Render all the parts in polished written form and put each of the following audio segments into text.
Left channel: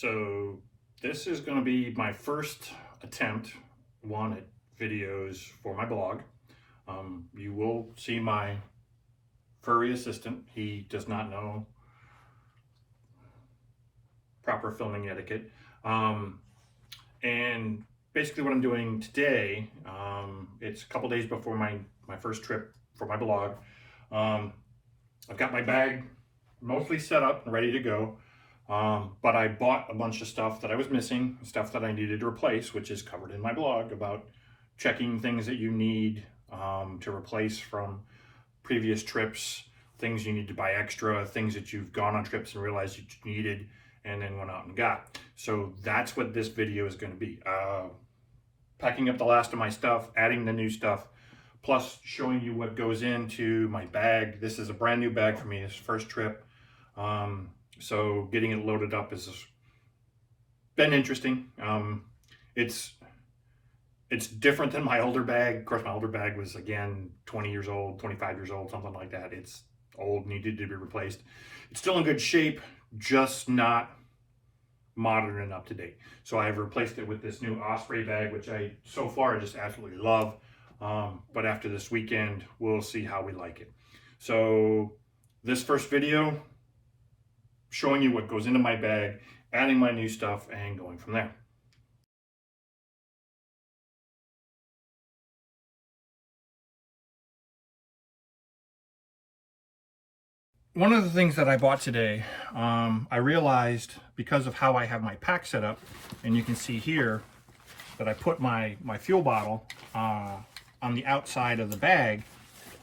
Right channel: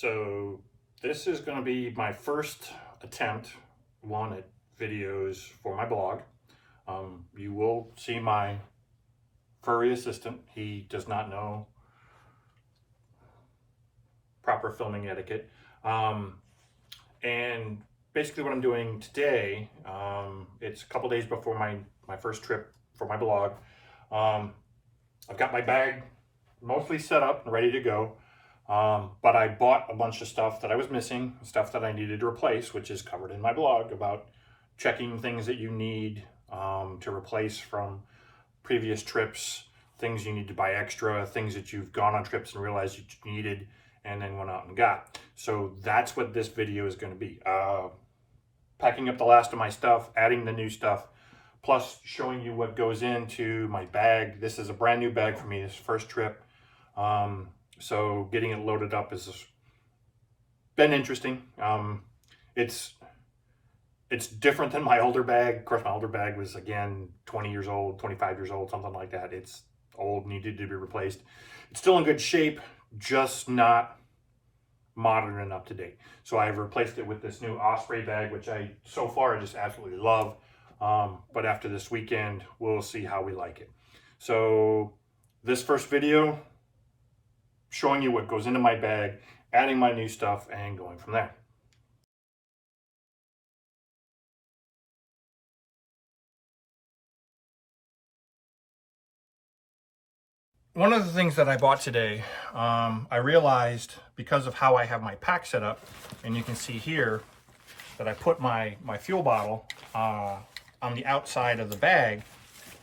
So this is going to be my first attempt at videos for my blog. You will see my furry assistant. He does not know proper filming etiquette. And basically what I'm doing today, it's a couple days before my first trip for my blog. I've got my bag mostly set up and ready to go. But I bought a bunch of stuff that I was missing, stuff that I needed to replace, which is covered in my blog about checking things that you need to replace from previous trips, things you need to buy extra, things that you've gone on trips and realized you needed and then went out and got. So that's what this video is going to be. Packing up the last of my stuff, adding the new stuff, plus showing you what goes into my bag. This is a brand new bag for me, this first trip. So getting it loaded up has been interesting. It's different than my older bag. Of course, my older bag was, again, 20 years old, 25 years old, something like that. It's old, needed to be replaced. It's still in good shape, just not modern and up to date. So I've replaced it with this new Osprey bag, which I so far just absolutely love. But after this weekend, we'll see how we like it. So this first video, showing you what goes into my bag, adding my new stuff, and going from there. One of the things that I bought today, I realized because of how I have my pack set up, and you can see here that I put my fuel bottle on the outside of the bag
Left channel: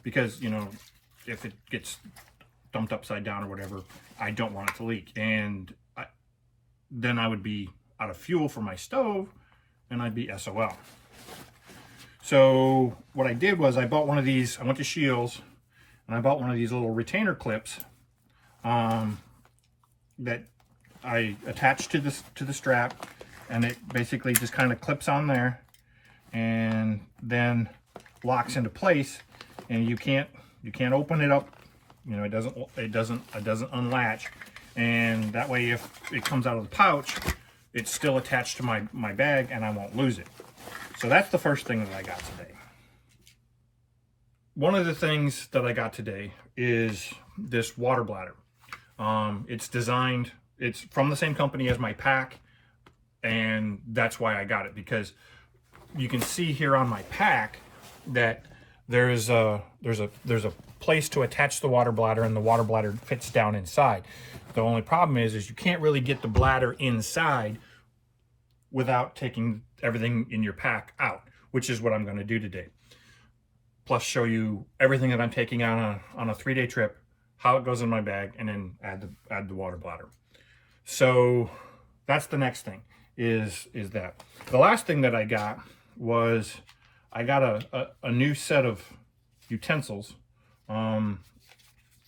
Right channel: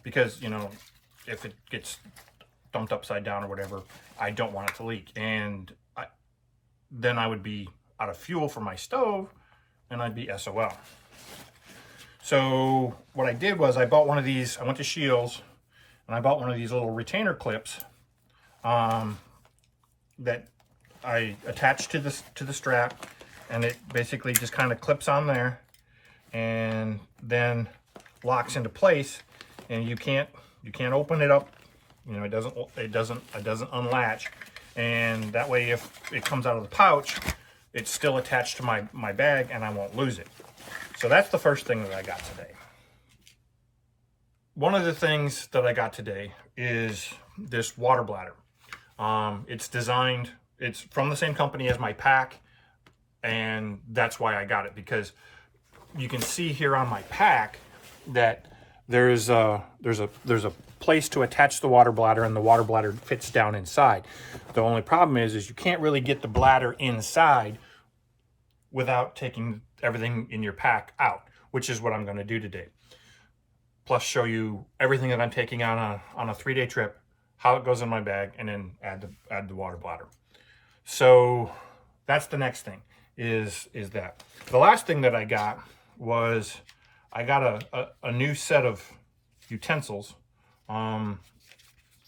because, you know, if it gets dumped upside down or whatever, I don't want it to leak. And then I would be out of fuel for my stove and I'd be SOL. So what I did was I bought one of these. I went to Shields and I bought one of these little retainer clips that I attached to the strap, and it basically just kind of clips on there and then locks into place, and you can't open it up. You know, it doesn't unlatch, and that way if it comes out of the pouch, it's still attached to my bag and I won't lose it. So that's the first thing that I got today. One of the things that I got today is this water bladder. It's from the same company as my pack, and that's why I got it, because you can see here on my pack that there's a place to attach the water bladder, and the water bladder fits down inside. The only problem is you can't really get the bladder inside without taking everything in your pack out, which is what I'm going to do today. Plus show you everything that I'm taking on a 3-day trip, how it goes in my bag, and then add the water bladder. So that's the next thing is that. The last thing that I got was I got a new set of utensils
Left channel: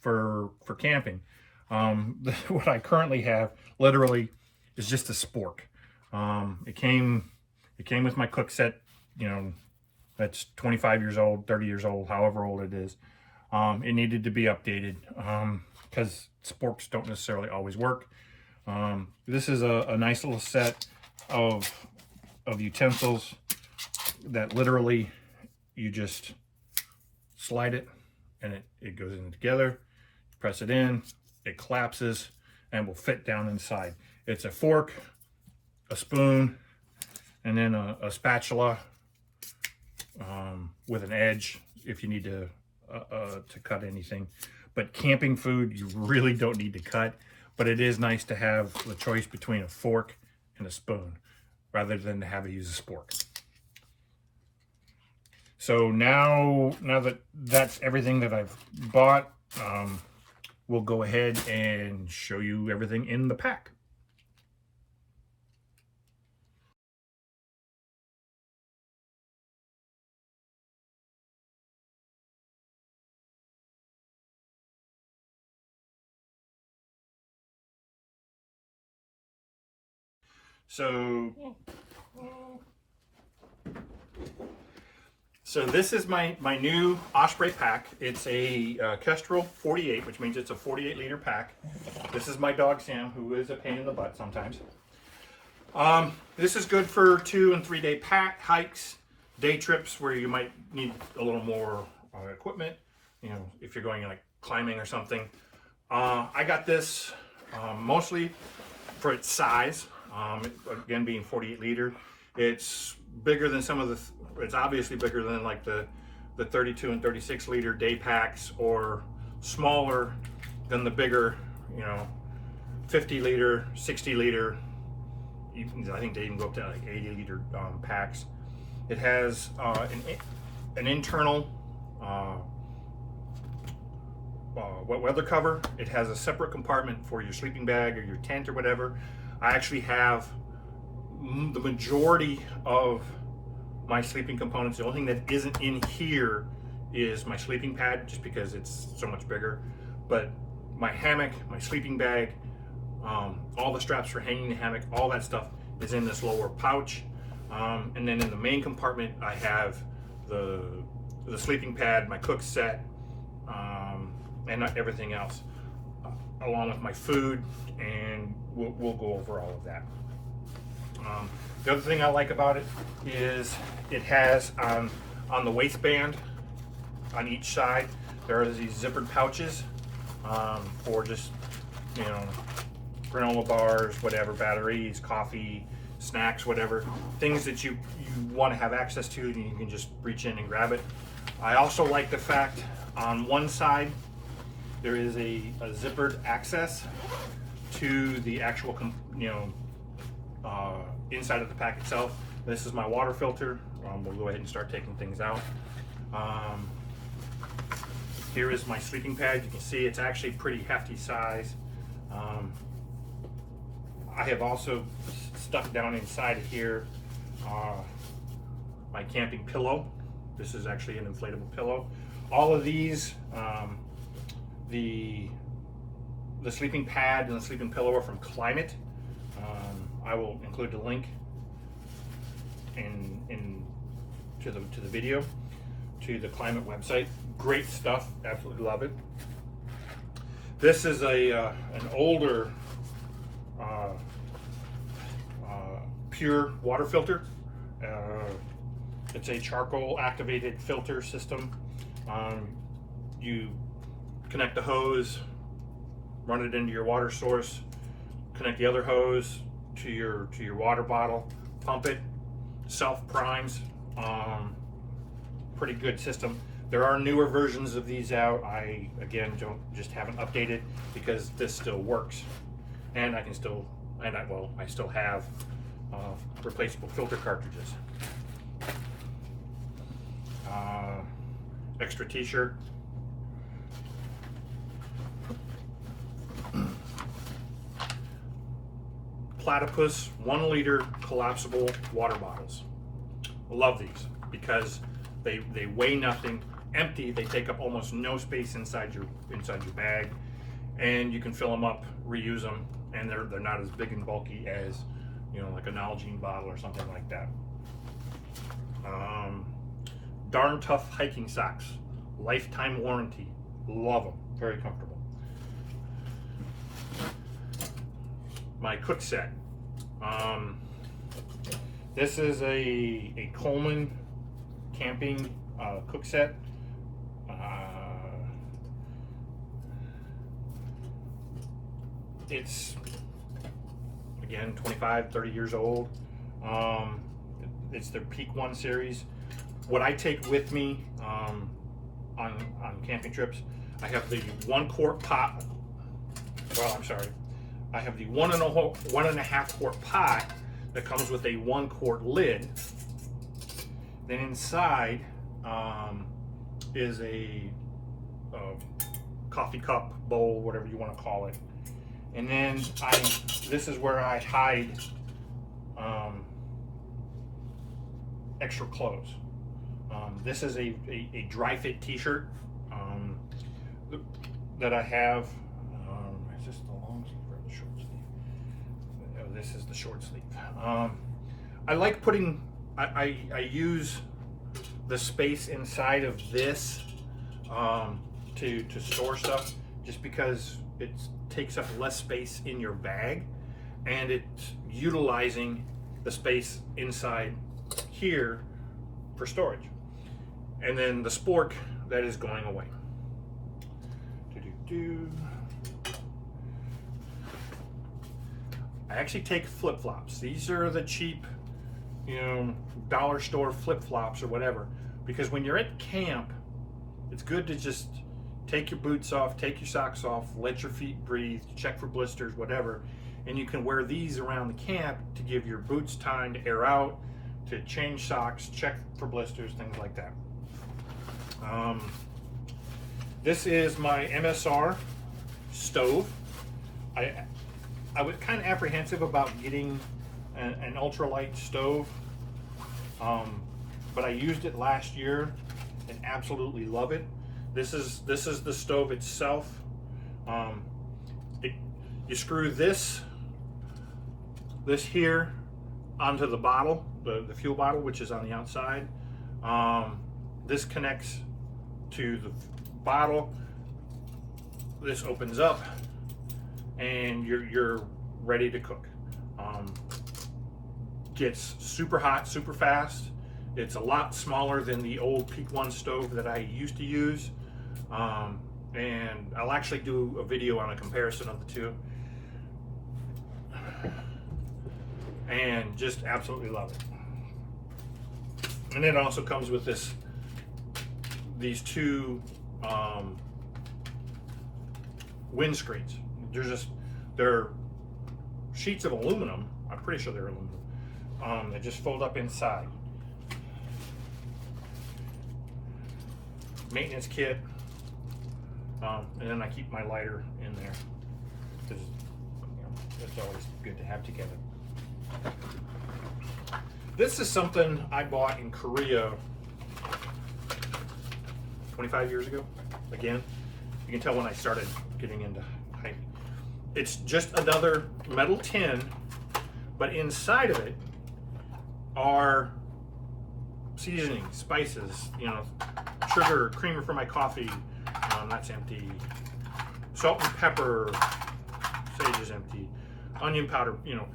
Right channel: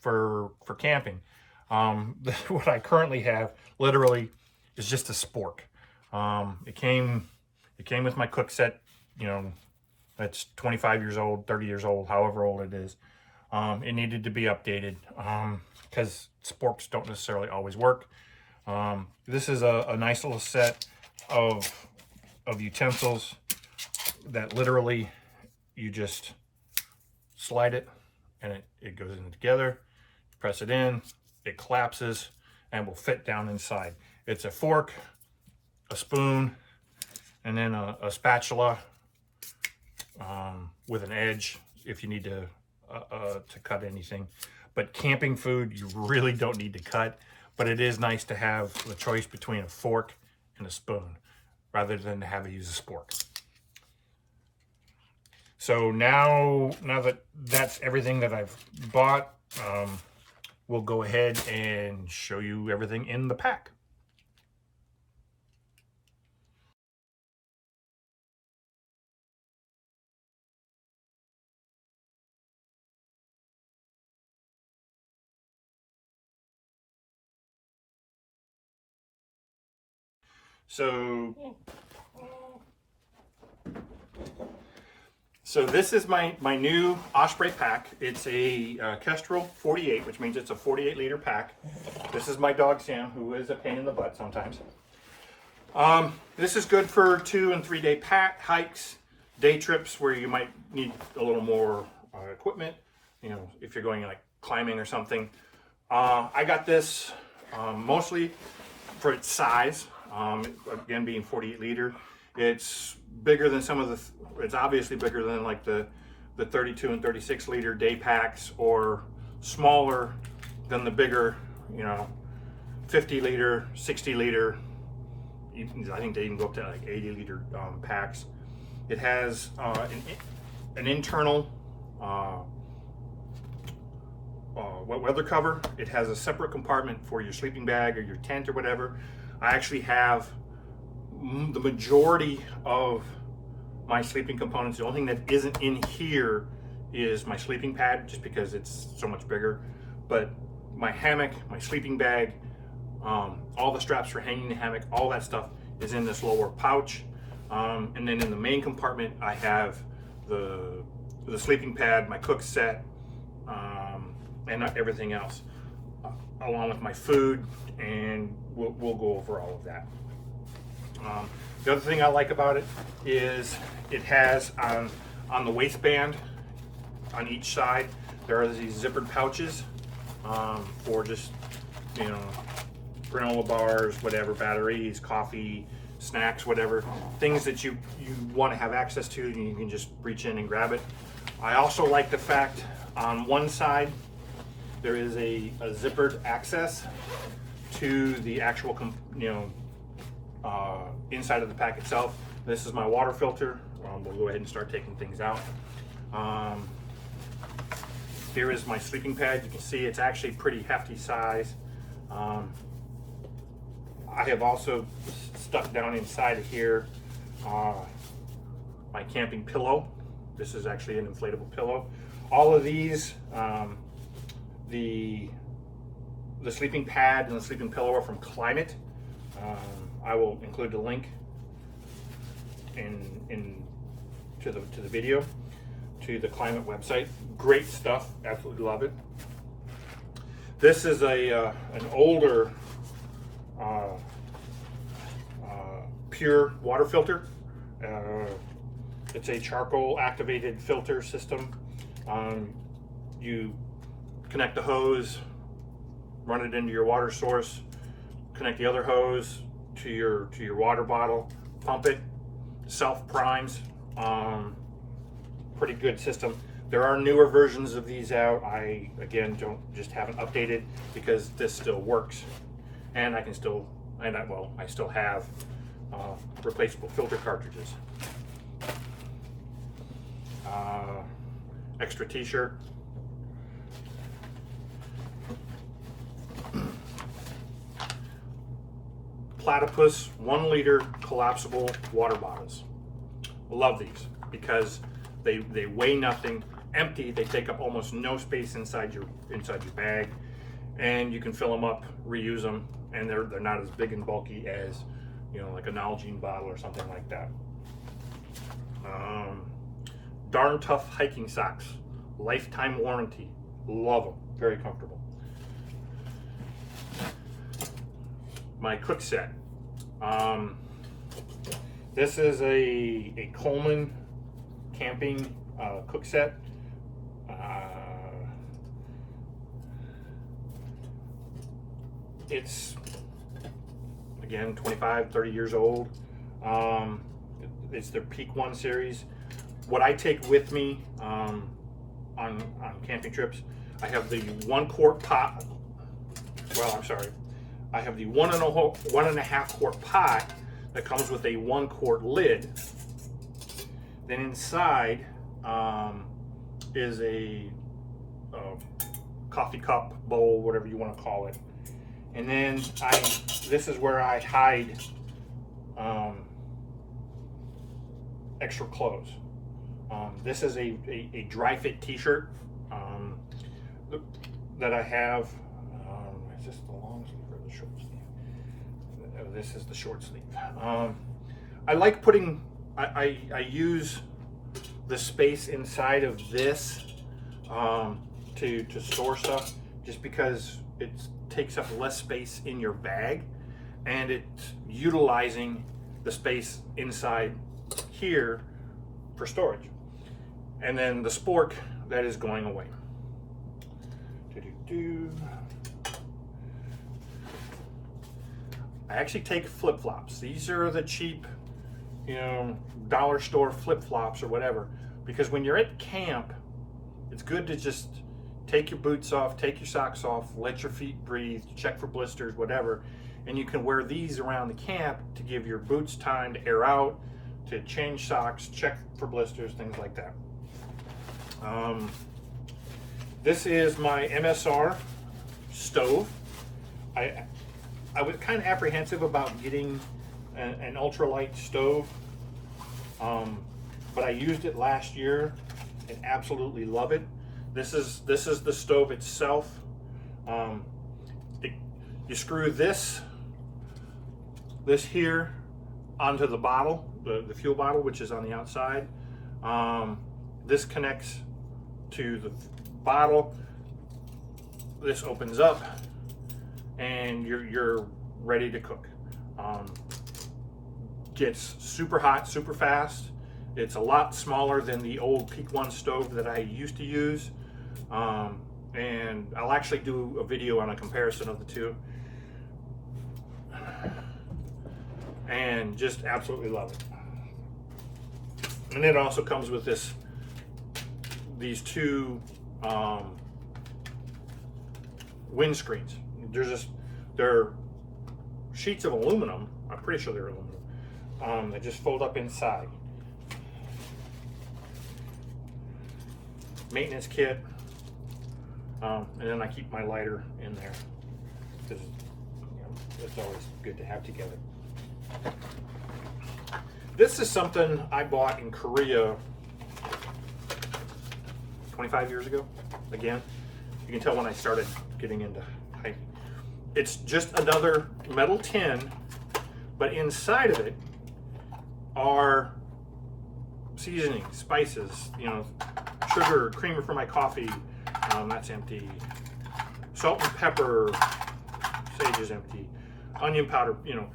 for camping. What I currently have literally is just a spork. It came with my cook set, you know, that's 25 years old, 30 years old, however old it is. It needed to be updated because sporks don't necessarily always work. This is a nice little set of utensils that literally you just slide it and it goes in together, press it in, it collapses and will fit down inside. It's a fork, a spoon, and then a spatula with an edge if you need to cut anything. But camping food, you really don't need to cut, but it is nice to have the choice between a fork and a spoon rather than to have to use a spork. So now that that's everything that I've bought, we'll go ahead and show you everything in the pack. So this is my new Osprey Pack. It's a Kestrel 48, which means it's a 48-liter pack. This is my dog Sam, who is a pain in the butt sometimes. This is good for 2 and 3 day hikes, day trips where you might need a little more equipment, you know, if you're going like climbing or something. I got this mostly for its size, again being 48 liter. It's bigger than some of the, it's obviously bigger than like the 32 and 36 liter day packs, or smaller than the bigger, you know, 50 liter, 60 liter, I think they even go up to like 80 liter packs. It has an internal wet weather cover. It has a separate compartment for your sleeping bag or your tent or whatever. I actually have the majority of my sleeping components. The only thing that isn't in here is my sleeping pad, just because it's so much bigger. But my hammock, my sleeping bag, all the straps for hanging the hammock, all that stuff is in this lower pouch. And then in the main compartment, I have the sleeping pad, my cook set, and everything else, along with my food, and we'll go over all of that. The other thing I like about it is it has on the waistband on each side, there are these zippered pouches for just, you know, granola bars, whatever, batteries, coffee, snacks, whatever, things that you want to have access to, and you can just reach in and grab it. I also like the fact on one side there is a zippered access to the actual, you know, inside of the pack itself. This is my water filter. We'll go ahead and start taking things out. Here is my sleeping pad. You can see it's actually pretty hefty size. I have also stuck down inside of here my camping pillow. This is actually an inflatable pillow. All of these, the sleeping pad and the sleeping pillow are from Klymit. I will include the link to the video, to the Klymit website. Great stuff, absolutely love it. This is an older pure water filter. It's a charcoal activated filter system. You connect the hose, run it into your water source, connect the other hose to your water bottle, pump it, self primes. Pretty good system. There are newer versions of these out. I again haven't updated, because this still works, and I still have replaceable filter cartridges. Extra t-shirt. Platypus 1 liter collapsible water bottles. Love these because they weigh nothing. Empty, they take up almost no space inside your bag, and you can fill them up, reuse them, and they're not as big and bulky as, you know, like a Nalgene bottle or something like that. Darn Tough hiking socks, lifetime warranty. Love them, very comfortable. My cook set. This is a Coleman camping cook set. It's again 25, 30 years old. It's their Peak 1 series. What I take with me on camping trips, I have the 1 quart pot. Well, I'm sorry. I have the 1.5 quart pot that comes with a 1 quart lid. Then inside is a coffee cup, bowl, whatever you want to call it. And then this is where I hide extra clothes. This is a dry fit t-shirt that I have. Is this the long sleeve or the short sleeve? This is the short sleeve. I like putting, I use the space inside of this to store stuff, just because it takes up less space in your bag, and it's utilizing the space inside here for storage. And then the spork that is going away. I actually take flip-flops. These are the cheap, you know, dollar store flip-flops or whatever, because when you're at camp, it's good to just take your boots off, take your socks off, let your feet breathe, check for blisters, whatever, and you can wear these around the camp to give your boots time to air out, to change socks, check for blisters, things like that. This is my MSR stove. I was kind of apprehensive about getting an ultralight stove, but I used it last year and absolutely love it. This is the stove itself. You screw this here onto the bottle, the fuel bottle, which is on the outside. This connects to the bottle. This opens up, and you're ready to cook. Gets super hot, super fast. It's a lot smaller than the old Peak 1 stove that I used to use. And I'll actually do a video on a comparison of the two. And just absolutely love it. And it also comes with these two windscreens. They're sheets of aluminum. I'm pretty sure they're aluminum. They just fold up inside. Maintenance kit, and then I keep my lighter in there because it's always good to have together. This is something I bought in Korea 25 years ago. Again, you can tell when I started getting into hiking. It's just another metal tin, but inside of it are seasonings, spices, you know, sugar, creamer for my coffee, that's empty. Salt and pepper, sage is empty. Onion powder, you know,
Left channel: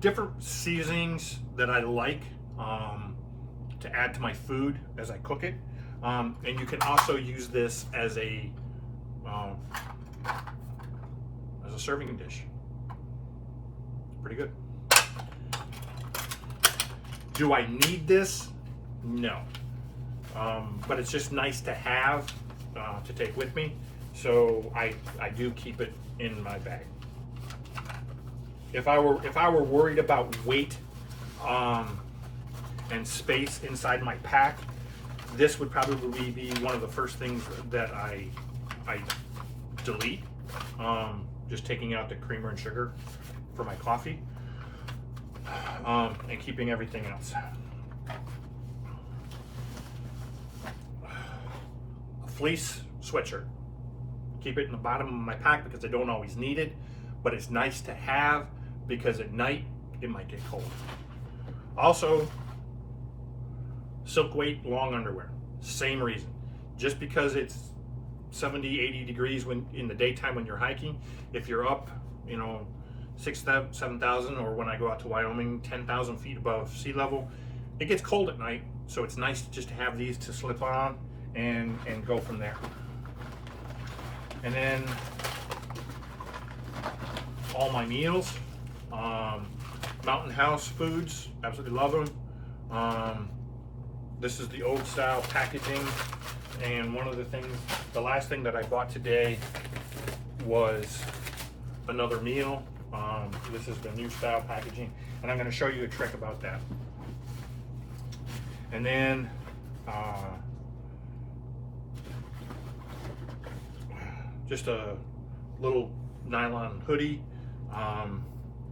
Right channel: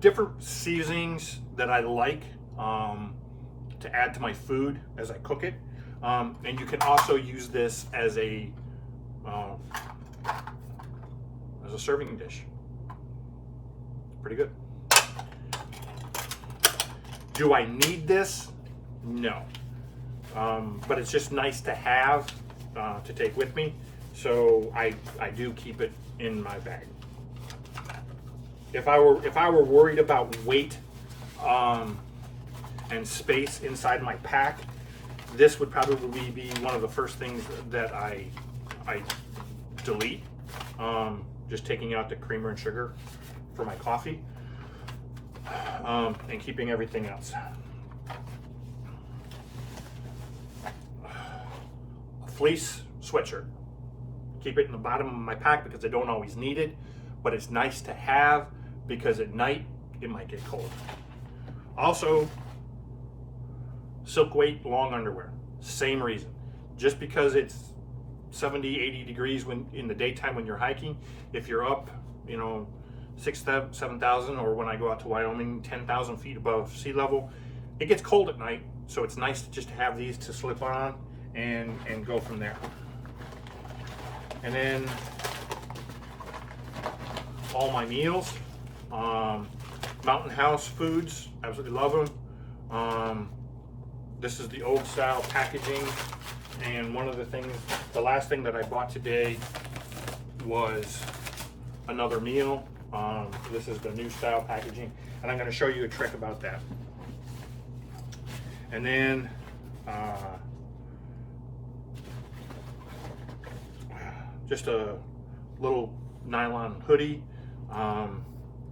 different seasonings that I like to add to my food as I cook it. And you can also use this as a serving dish. Pretty good. Do I need this? No. But it's just nice to have to take with me, so I do keep it in my bag. If I were worried about weight and space inside my pack, this would probably be one of the first things that I delete. Just taking out the creamer and sugar for my coffee, and keeping everything else. Fleece sweatshirt. Keep it in the bottom of my pack because I don't always need it, but it's nice to have because at night it might get cold. Also, silk weight long underwear. Same reason. Just because it's 70, 80 degrees when in the daytime when you're hiking, if you're up, you know, 6,000, 7,000, or when I go out to Wyoming, 10,000 feet above sea level, it gets cold at night, so it's nice just to have these to slip on and go from there. And then all my meals, Mountain House foods, absolutely love them. This is the old style packaging, and one of the things, the last thing that I bought today was another meal. This is the new style packaging, and I'm going to show you a trick about that. And then just a little nylon hoodie, and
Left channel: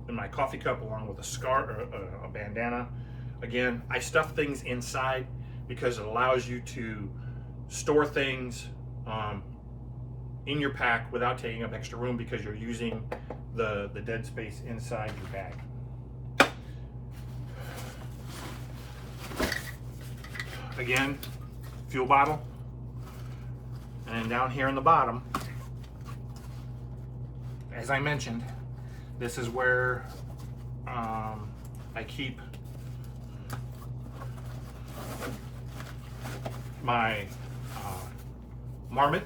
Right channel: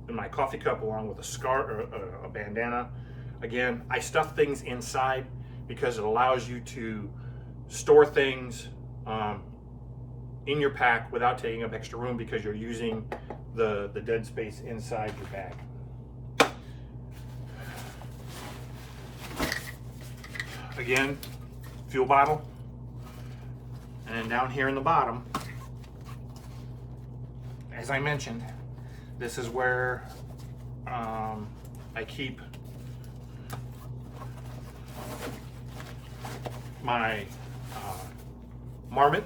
my coffee cup along with a scarf or a bandana. Again, I stuff things inside because it allows you to store things in your pack without taking up extra room because you're using the dead space inside your bag. Again, fuel bottle, and down here in the bottom, as I mentioned, This is where I keep my Marmot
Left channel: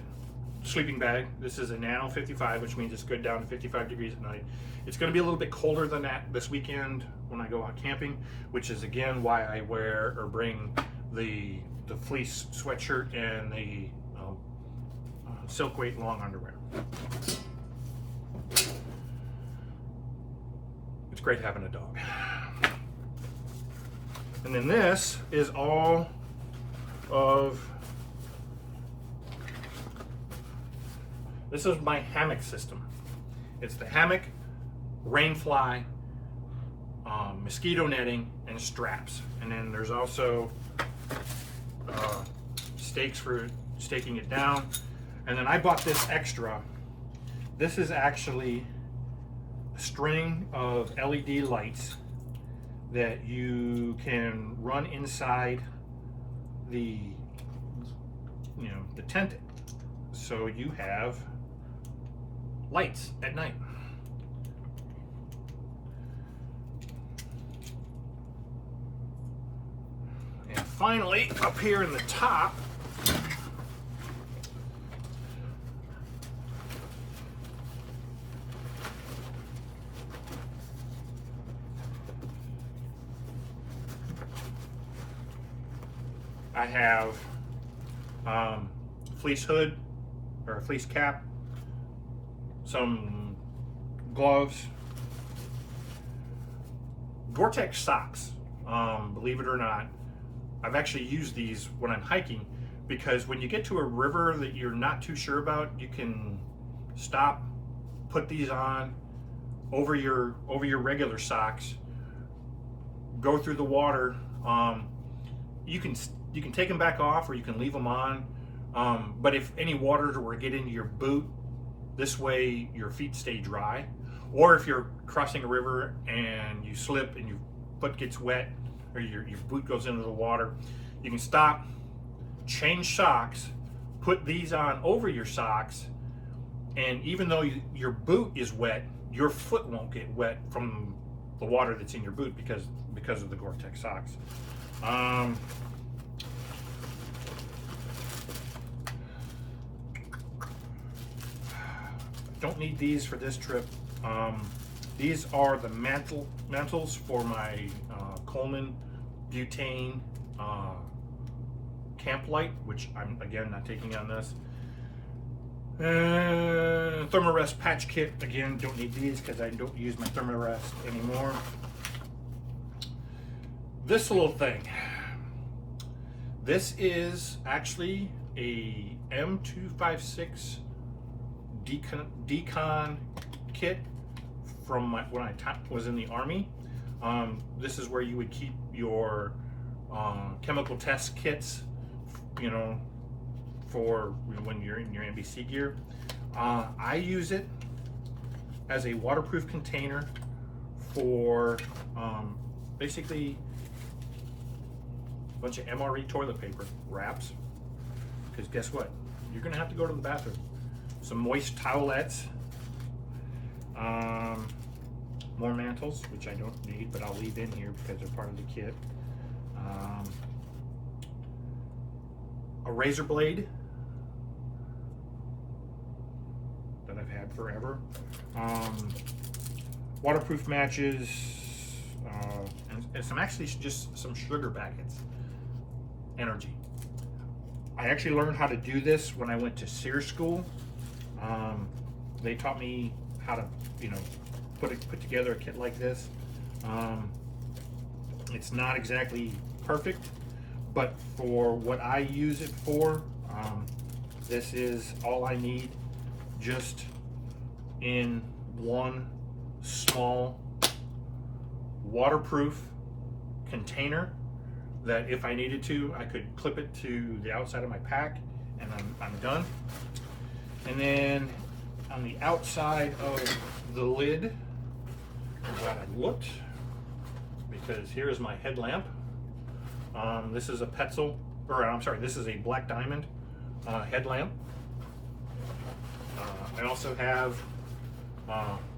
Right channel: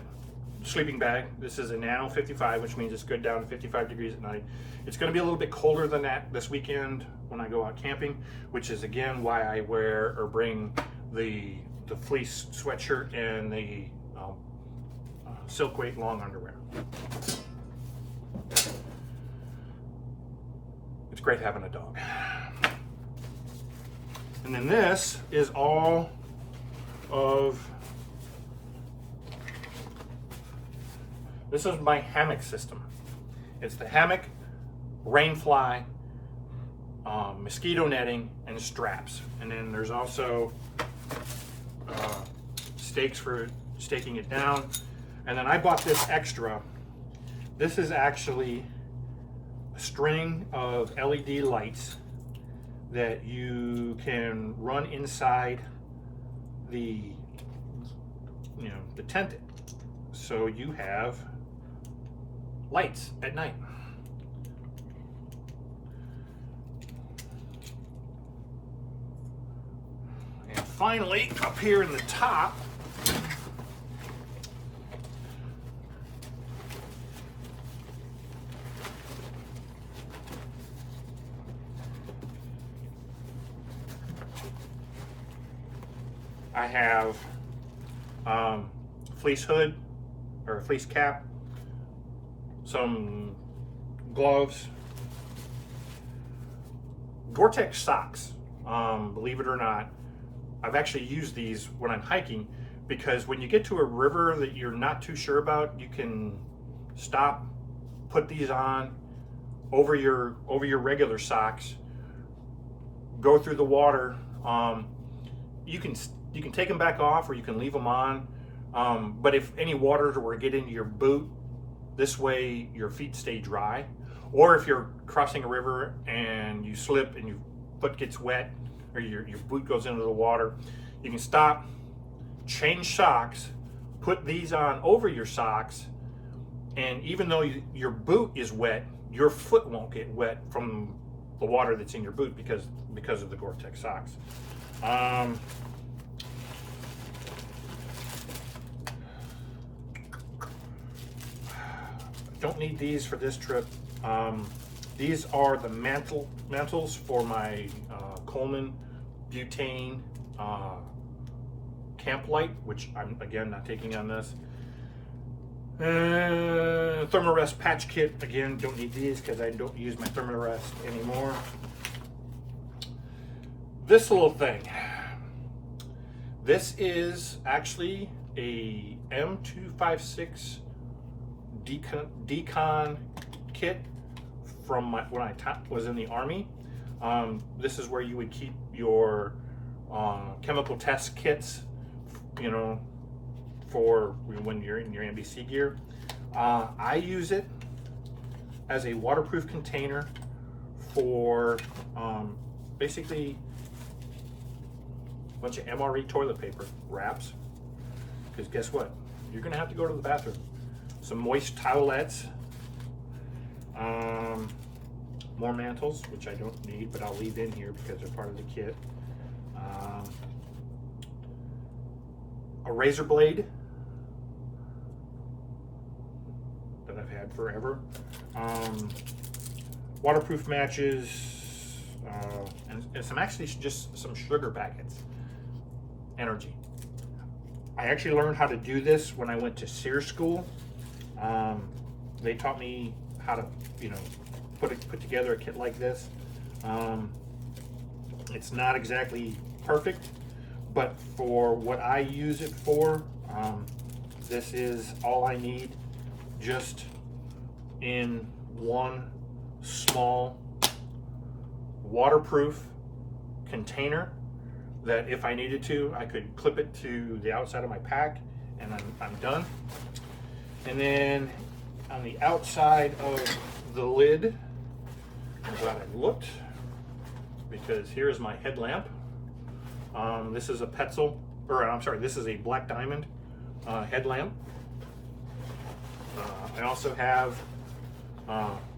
sleeping bag. This is a Nano 55, which means it's good down to 55 degrees at night. It's going to be a little bit colder than that this weekend when I go out camping, which is again why I wear or bring the fleece sweatshirt and the silk weight long underwear. It's great having a dog. And then this is all of, this is my hammock system. It's the hammock, rain fly, mosquito netting, and straps. And then there's also stakes for staking it down. And then I bought this extra. This is actually a string of LED lights that you can run inside the the tent, so you have lights at night. And finally, up here in the top, I have fleece hood or fleece cap, some gloves, Gore-Tex socks. Believe it or not, I've actually used these when I'm hiking, because when you get to a river that you're not too sure about, you can stop, put these on over your regular socks, go through the water. You can take them back off, or you can leave them on. But if any water were to get into your boot, this way your feet stay dry. Or if you're crossing a river and you slip and your foot gets wet, or your boot goes into the water, you can stop, change socks, put these on over your socks, and even though your boot is wet, your foot won't get wet from the water that's in your boot because of the Gore-Tex socks. Don't need these for this trip. These are the mantles for my Coleman butane camp light, which I'm again not taking on this. Thermarest patch kit, again, don't need these because I don't use my Thermarest anymore. This little thing, this is actually a M256 decon kit from when I was in the Army. This is where you would keep your chemical test kits, for when you're in your NBC gear. I use it as a waterproof container for basically a bunch of MRE toilet paper wraps, because guess what? You're gonna have to go to the bathroom. Some moist towelettes, more mantles, which I don't need, but I'll leave in here because they're part of the kit. A razor blade that I've had forever. Waterproof matches, and some actually just some sugar packets. Energy. I actually learned how to do this when I went to SEER school. They taught me how to, put together a kit like this. It's not exactly perfect, but for what I use it for, this is all I need, just in one small waterproof container that if I needed to, I could clip it to the outside of my pack and I'm done. And then on the outside of the lid, I'm glad I looked, because here's my headlamp. This is a Petzl, this is a Black Diamond headlamp. I also have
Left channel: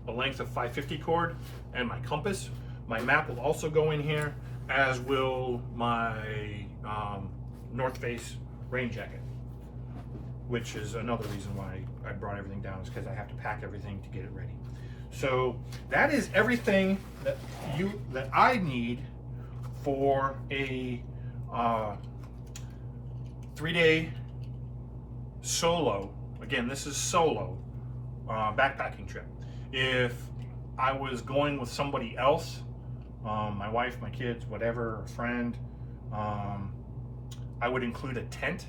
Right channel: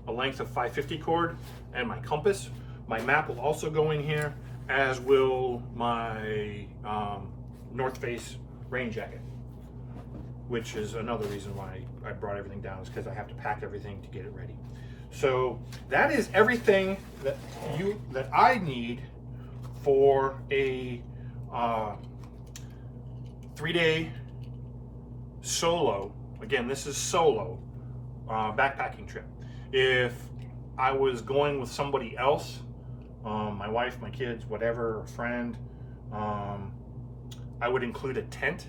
a length of 550 cord, and my compass. My map will also go in here, as will my North Face rain jacket, which is another reason why I brought everything down, is because I have to pack everything to get it ready. So that is everything that I need for a 3-day solo. Again, this is solo backpacking trip. If I was going with somebody else, my wife, my kids, whatever, a friend, I would include a tent.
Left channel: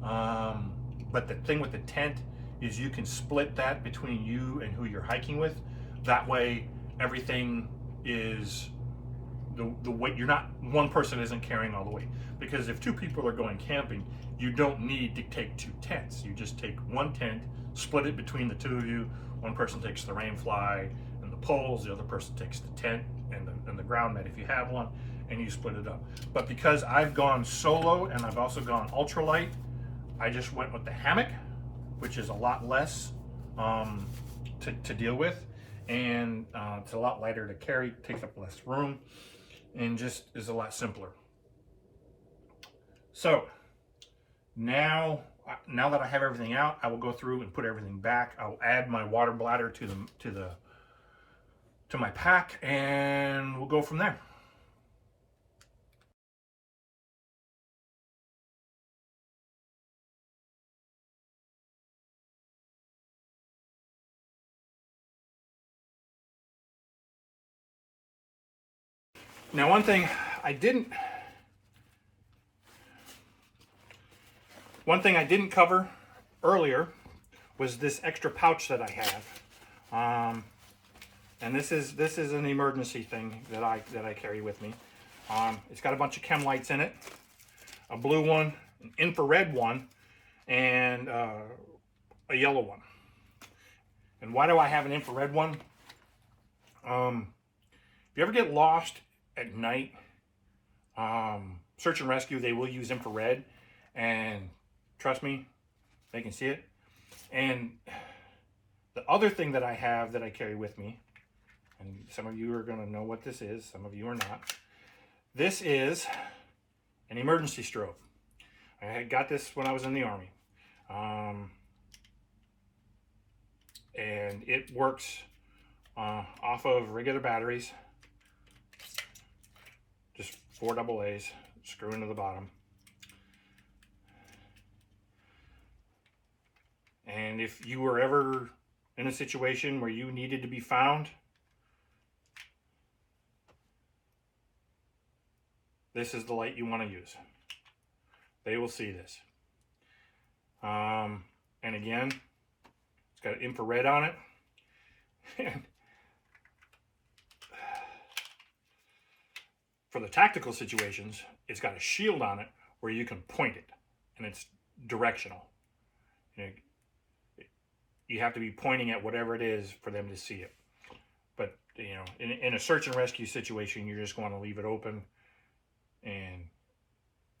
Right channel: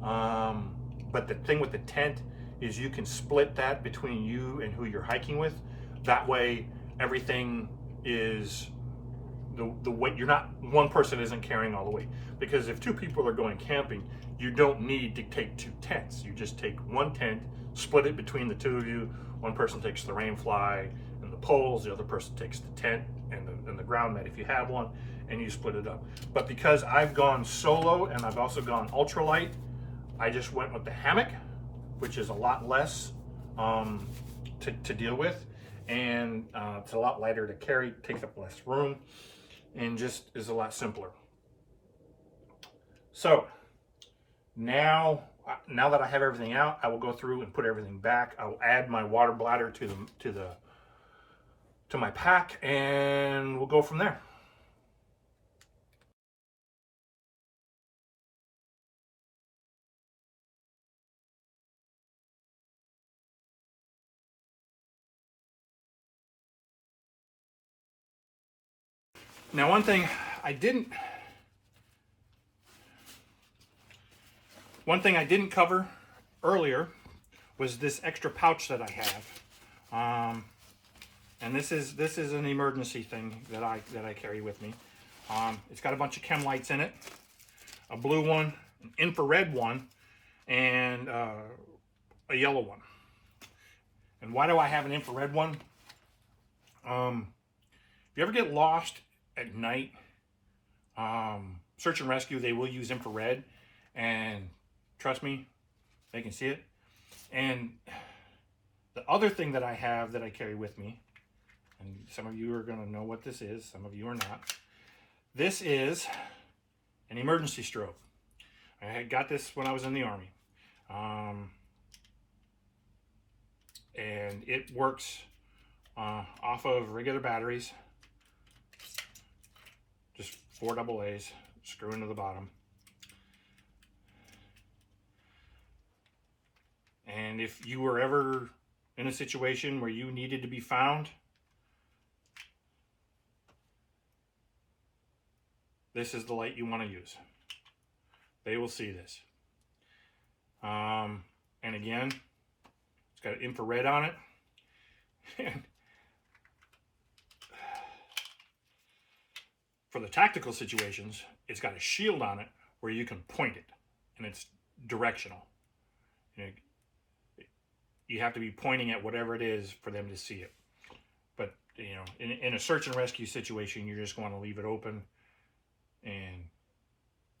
But the thing with the tent is you can split that between you and who you're hiking with. That way everything is the weight. You're not, one person isn't carrying all the weight. Because if 2 people are going camping, you don't need to take 2 tents. You just take 1 tent, split it between the 2 of you. One person takes the rain fly and the poles, the other person takes the tent and the ground mat if you have one, and you split it up. But because I've gone solo and I've also gone ultralight, I just went with the hammock, which is a lot less to deal with, and it's a lot lighter to carry, takes up less room, and just is a lot simpler. So now that I have everything out, I will go through and put everything back. I will add my water bladder to my pack, and we'll go from there. Now, one thing I didn't cover earlier was this extra pouch that I have, and this is an emergency thing that I carry with me. It's got a bunch of chem lights in it, a blue one, an infrared one, and a yellow one. And why do I have an infrared one? If you ever get lost at night, search and rescue, they will use infrared, and trust me, they can see it. And the other thing that I have that I carry with me, and some of you are going to know what this is, some of you are not. This is an emergency strobe. I had got this when I was in the Army. And it works off of regular batteries. Just 4 AA's, screw into the bottom. And if you were ever in a situation where you needed to be found, this is the light you want to use. They will see this. And again, it's got infrared on it. And for the tactical situations, it's got a shield on it where you can point it, and it's directional. You have to be pointing at whatever it is for them to see it. But in a search and rescue situation, you just want to leave it open, and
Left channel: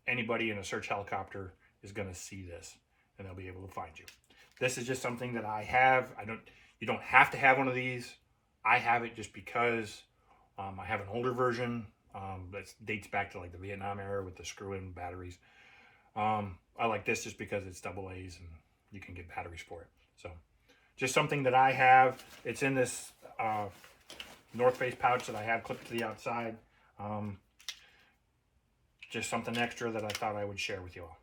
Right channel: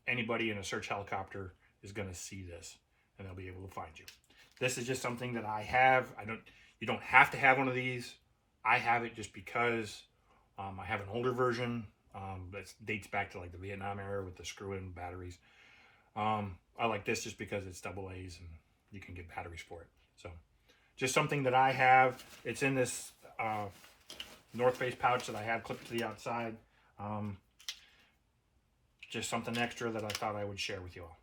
anybody in a search helicopter is going to see this, and they'll be able to find you. This is just something that I have. You don't have to have one of these. I have it just because I have an older version that dates back to like the Vietnam era with the screw-in batteries. I like this just because it's AA's and you can get batteries for it. So just something that I have. It's in this North Face pouch that I have clipped to the outside. Just something extra that I thought I would share with you all.